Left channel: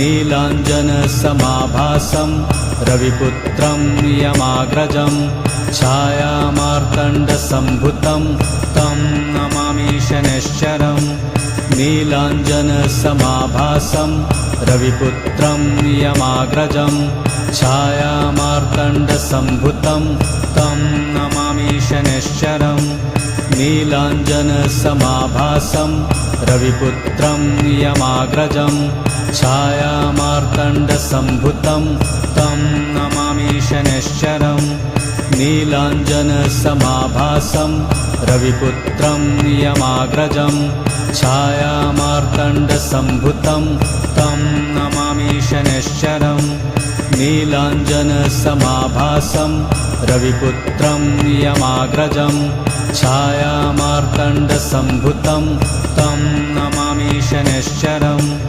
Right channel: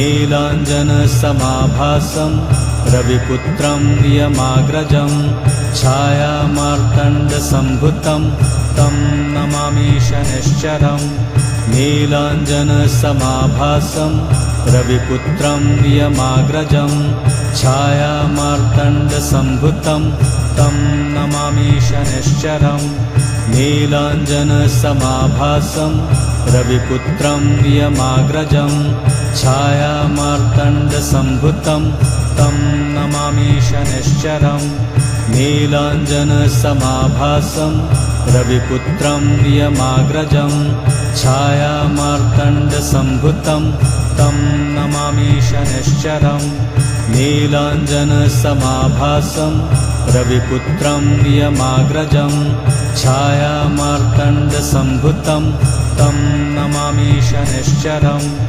नीलाञ्जनसमाभासं रविपुत्रं नियमाग्रजं छायामार्तण्डसम्भुतं तं नमामि शनैश्चरम् नीलाञ्जनसमाभासं रविपुत्रं नियमाग्रजं छायामार्तण्डसम्भुतं तं नमामि शनैश्चरम् नीलाञ्जनसमाभासं रविपुत्रं नियमाग्रजं छायामार्तण्डसम्भुतं तं नमामि शनैश्चरम् नीलाञ्जनसमाभासं रविपुत्रं नियमाग्रजं छायामार्तण्डसम्भुतं तं नमामि शनैश्चरम् नीलाञ्जनसमाभासं रविपुत्रं नियमाग्रजं छायामार्तण्डसम्भुतं तं नमामि शनैश्चरम्